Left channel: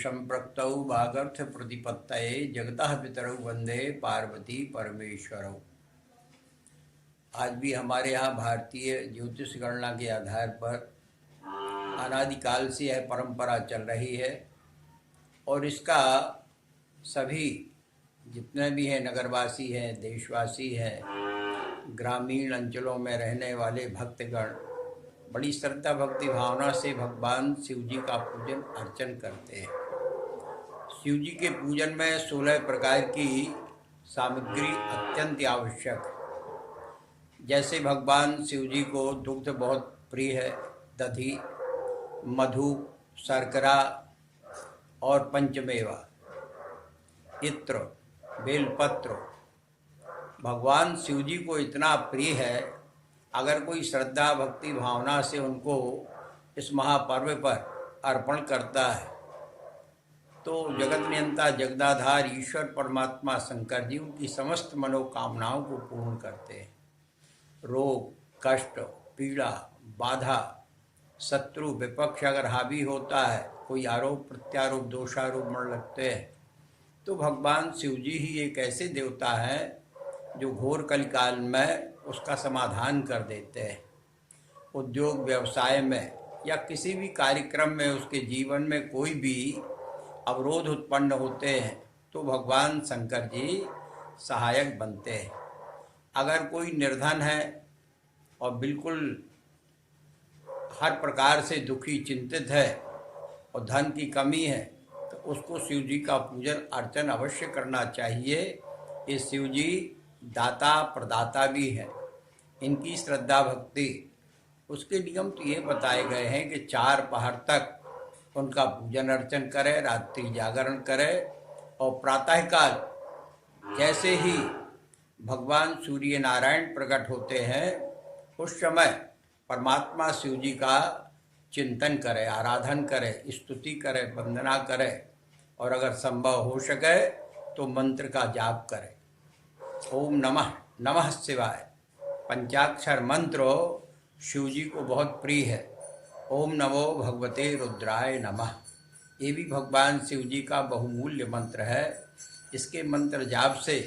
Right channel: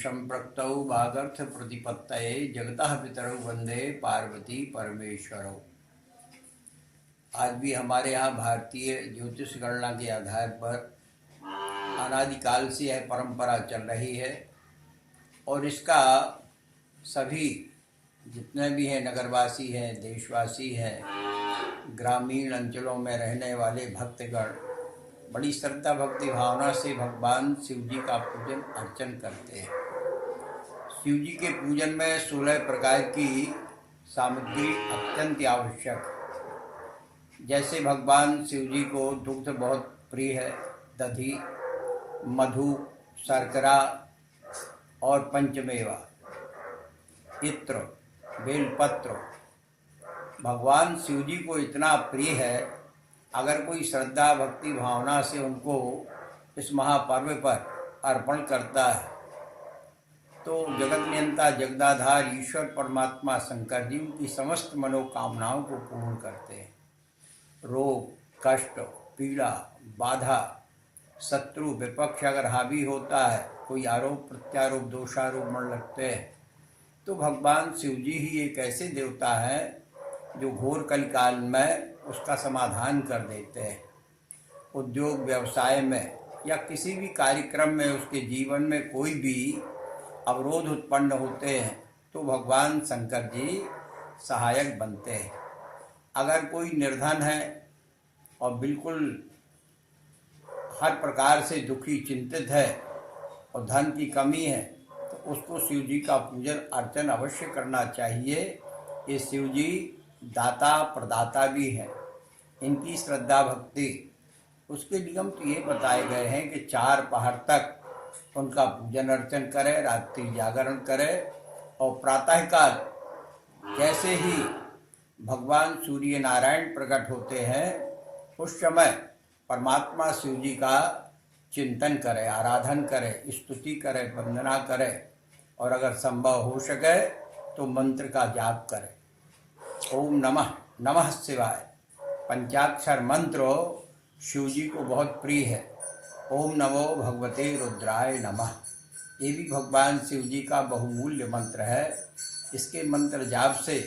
संप्रक्तौ भागर्थ प्रतिपत्तये जगतः पितरौ वंदे पार्वती परमेश्वरौ। आज भी हमारे यहाँ भारतीय ज्योतिष गणना के आधार पर अनादिकाल से यह परंपरा चल रही है और इसका सभी जितने भी हैं नगरवासी हैं, देशवासी हैं, ग्रामीण अंचलों में रहने वाले भक्तगण बड़ी श्रद्धा भक्ति भावना से भगवान शिव जी का पूजन अर्चन करते हैं। शिव जी के पूजन में 16 प्रकार की सामग्री अत्यंत आवश्यक है। जैसे भगवान शिव जी को दुग्ध बहुत प्रिय है, दधी, मधु, शर्करा और पंचमेवा, इत्र, बेलपत्र भगवान शिव जी को इतना प्रिय है। अगर कोई श्रद्धा भक्ति भावना से उनको इस महापर्व पर अर्पण करता है तो जगत नियंता जगदाधार ईश्वर परमात्मा शंकर जी उनकी समस्त मनोकामनाओं को पूर्ण करते हैं। रोग, कष्ट, पीड़ा, बाधा, शत्रु, विपक्ष अगर हावी होता है, कोई आरोप प्रत्यारोप दोषारोप मन लगते हैं, तो भगवान शिव जी ही एक ऐसे देवता है जो घोर कलिकाल में उसका समाधान कर देते हैं। उद्योग व्यवसाय में या किसी भी कार्यक्रम में उसके जीवन में कोई भी अवरोध उत्पन्न होते हैं तो भगवान शंकर जी सहायक बनते हैं। अगर कोई निर्धन है और बिल्कुल हर प्रकार से दुखी चिंतित है और धन की कमी है तो उसको शिव जी का पूजन अर्चन अवश्य करना चाहिए। ये शिव जी दाता प्रदाता भी है। इनकी श्रद्धा भक्ति उसके नियम तो ये बताए गए हैं कि 4 पहर तक उनका पूजन अर्चन करे, रात्रि जागरण करे और प्रातःकाल जैसे ही भगवान सूर्य नारायण प्रकट होते हैं उस समय परमात्मा शिव जी का चिंतन करे, आराधन करे, स्तुति करे, वंदना करे और अगर संभव हो सके तो मंत्र का जाप करे। ओम नमः नमः शिवाय पंचाक्षर मंत्र शिव जी को बहुत प्रिय है। ओम नमो भगवते रुद्राय नमः, ये भी भगवान शिव जी का बहुमूल्य मंत्र है। इसके मंत्र जाप से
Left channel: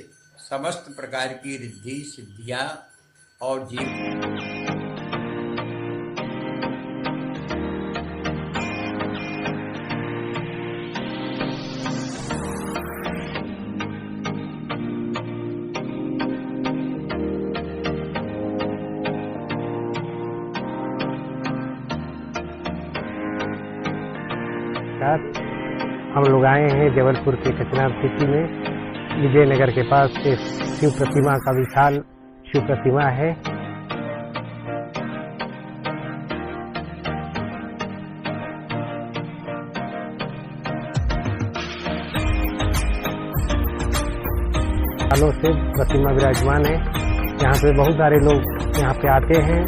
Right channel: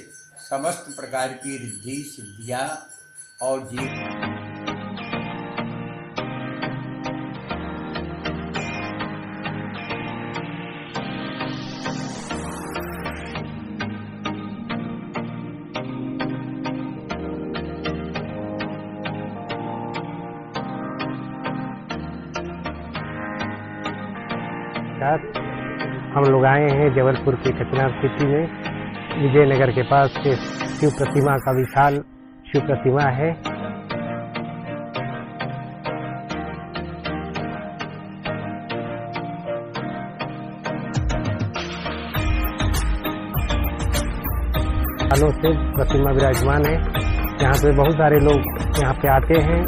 समस्त प्रकार की रिद्धि सिद्धियां और हम लोग आए हैं जबलपुर के कचनार सिटी में विजयनगर के पास से शिव प्रतिमा का विशाल शिव प्रतिमा है। सालों से प्रतिमा विराजमान है। यहाँ पे बहुत सारे लोग यहाँ पे आते हैं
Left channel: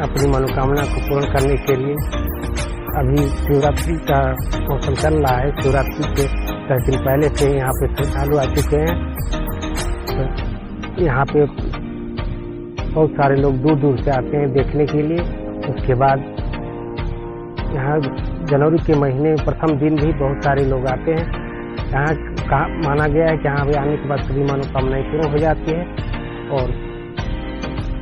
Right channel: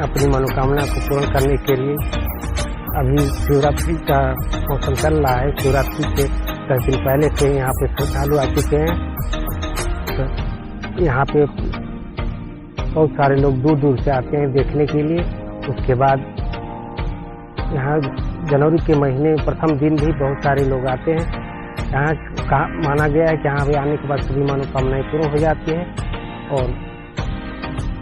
अपनी मनोकामना को पूर्ण करने के लिए। अभी शिवरात्रि का मौसम चल रहा है। शिवरात्रि के 10 दिन पहले से यहाँ पे श्रद्धालु आ चुके हैं। तो यहाँ पे बहुत सारे लोग दूर दूर से आते हैं देखने के लिए। उसके बाद यहाँ जनवरी के महीने प्रथम दिन भी बहुत सारे लोग आते हैं। यहाँ माना गया है कि यहाँ पे आने के बाद सभी मनोकामनाएं पूर्ण हो जाती है। और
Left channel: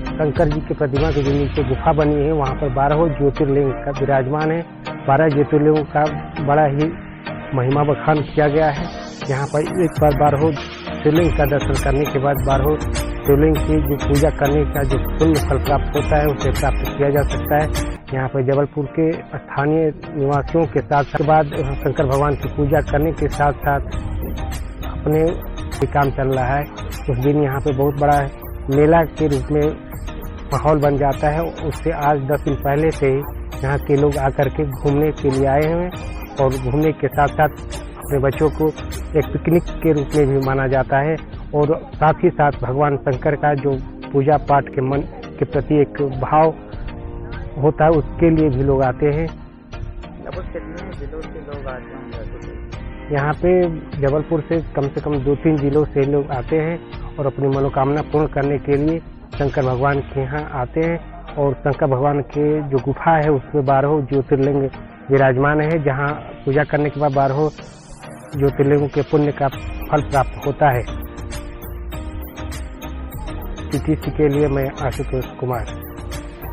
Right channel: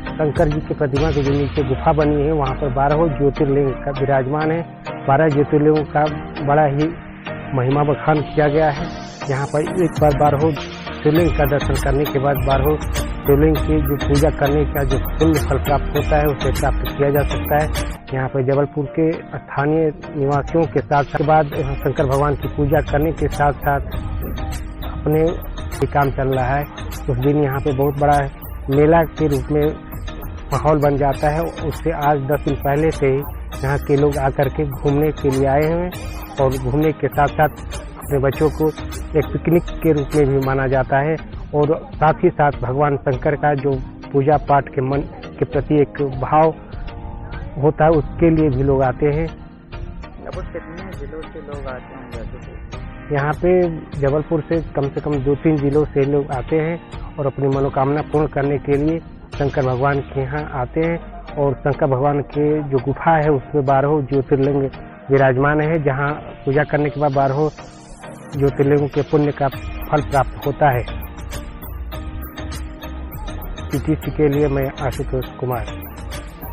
शंकर जी की प्रतिमा के जो नीचे गुफा बनी है वहाँ पर 12 ज्योतिर्लिंग का विराजमान है। 12 ज्योतिर्लिंगों का बड़ा ही महिमा बखान किया गया है। यहाँ पर एक बार 12 शिवलिंग का दर्शन करने के बाद 12 शिवलिंग की जो पूजा करने का जो पुण्य फल प्राप्त होता है उसे प्राप्त किया जा सकता है। यहाँ पर जबलपुर के स्थानीय निवासियों के साथ बाद शंकर भगवान की पूजा करने के साथ साथ अपने काम चल रहा है। उस दिन यहाँ पे बहुत बड़ा मेला के रूप में माहौल बन जाता है। उससे आज 10 दिन पहले से ही यहाँ के लोग आकर के घूमने के लिए आए हुए हैं और घूमने के साथ साथ अपने बच्चों को एक पिकनिक के रूप में भी माना जाता है। और साथ ही साथ भगवान शंकर का जो पूजा पाठ के मन के प्रति एक भाव होता है उसके लिए भी लोग आते हैं। कितने जिलों से लोग आते होंगे? यहाँ पे जबलपुर से कम 2-3 जिलों से लोग आते हैं और अपनी मनोकामना पूर्ण करने के लिए शंकर भगवान के यहाँ आते हैं। और शंकर भगवान के जो गुफा है उसमें 12 ज्योतिर्लिंग विराजमान है, जहाँ पूजा करने के बाद 12 ज्योतिर्लिंगों के पुण्य का फल प्राप्त होता है। TTC के लिए मैं आशुतोष कुमार।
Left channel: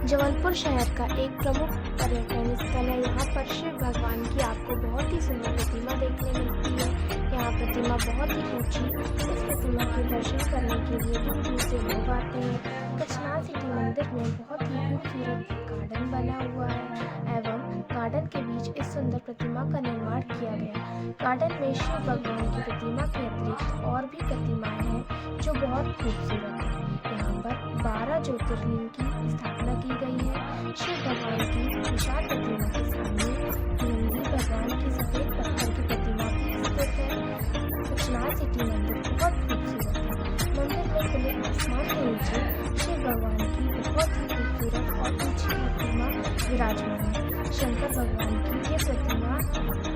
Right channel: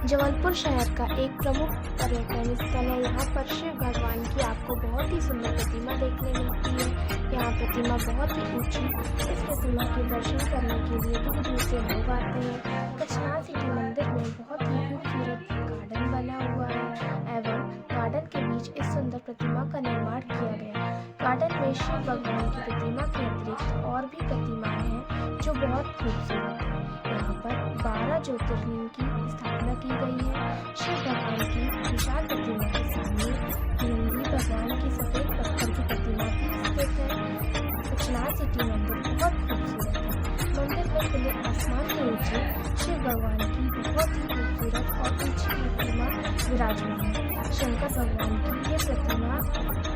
जबलपुर शहर का एक प्रमुख पर्यटन स्थल है। यहाँ पर शिव भगवान की आपको बहुत ही सुंदर प्रतिमा देखने मिलती है। यहाँ प्रतिमा बहुत ही ऊंची। इस प्रतिमा के दर्शन करने के लिए दूर दूर से लोग आते हैं। कच्छनार सिटी मंदिर में बहुत ही खूबसूरत गार्डन बना हुआ है एवं गार्डन के बीच इस सुंदर प्रतिमा का निर्माण किया गया। गार्डन में शिव भगवान की प्रतिमा के अतिरिक्त और भी प्रतिमाएं हैं जो बहुत खूबसूरत है। यहाँ पर 12 ज्योतिर्लिंग की स्थापना की गई है। शिव भगवान की विशाल प्रतिमा के सामने नंदी भगवान की सफेद पत्थर की प्रतिमा भी स्थित है। कच्छनार सिटी मंदिर बहुत खूबसूरत है। मंदिर में खुले आसमान के नीचे शिव भगवान की बहुत ही खूबसूरत और ऊंची प्रतिमा विराजमान है। शंकर भगवान की ये प्रतिमा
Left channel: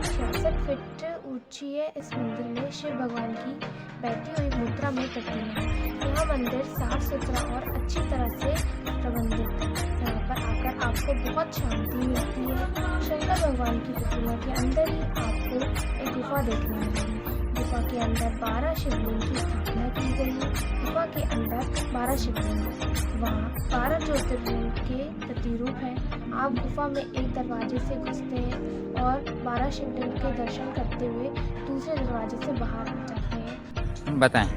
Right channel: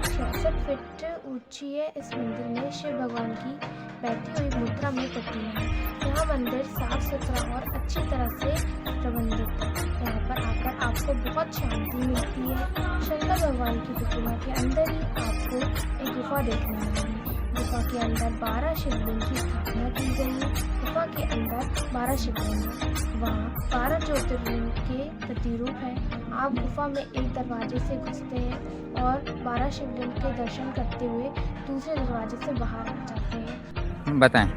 66 फीट ऊंची है। इस मंदिर में शिव भगवान की बैठी हुई मुद्रा में प्रतिमा है। यहाँ मंदिर साफ सुथरा और अच्छी तरह से प्रबंधित है। यहाँ पर आकर आपको बहुत शांति मिलती है। शंकर भगवान की प्रतिमा के अंदर ही आपको एक गुफा देखने मिलेगी। गुफा के अंदर 12 शिवलिंग की स्थापना की गई है। गुफा के अंदर 12 शिवलिंग है। वहाँ 12 ज्योतिर्लिंग के प्रतिरूप है। आप गुफा में एक दरवाजे से घुसते हैं और 12 शिवलिंग के दर्शन करते हुए दूसरे दरवाजे से बाहर आ जाते हैं। बताएं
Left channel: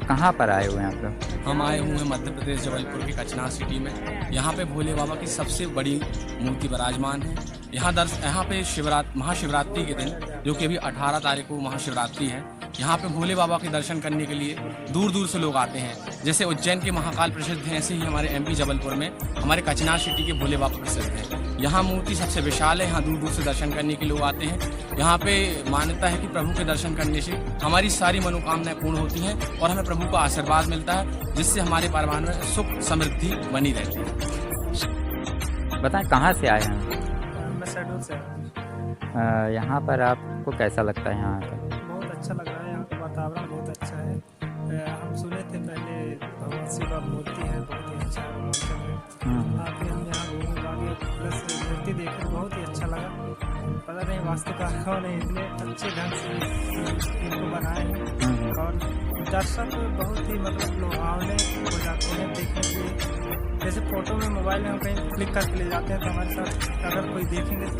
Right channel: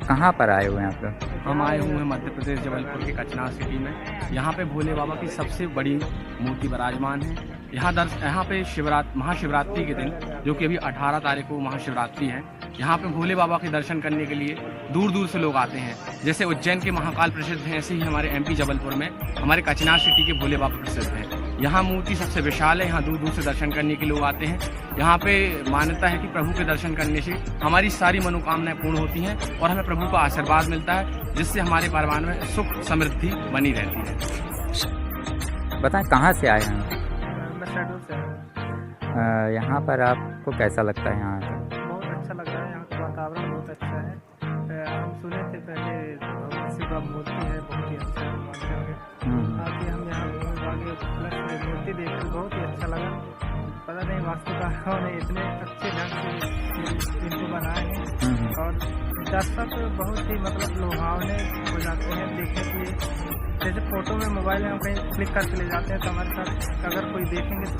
कहाँ पर आए हुए हैं? हम आए हुए हैं मध्य प्रदेश जबलपुर के कच्छनार सिटी में। यहाँ पे भोले बाबा की सबसे बड़ी मूर्ति विराजमान है। यहाँ पे महाशिवरात्रि के दिन, जो कि अभी 18 तारीख को महाशिवरात्रि है, यहाँ पे भोले बाबा के दर्शन करने के लिए दूर दूर से लोग आते हैं। जैसे उज्जैन के महाकाल प्रसिद्ध है, ऐसे ही हमारे MP जबलपुर में हमारे कच्छनार सिटी के भोले बाबा प्रसिद्ध है। यहाँ मूर्ति सबसे विशाल है। यहाँ दूर दूर से दर्शन करने के लोग आते हैं। यहाँ पे मान्यता है कि प्रभु के दर्शन करने से हमारी सारी मनोकामनाएं पूर्ण होती हैं और हमें प्रभु का आशीर्वाद मिलता है, जिससे हमारे परिवार में सुख समृद्धि बनी रहती है। बताएं कहाँ से आए?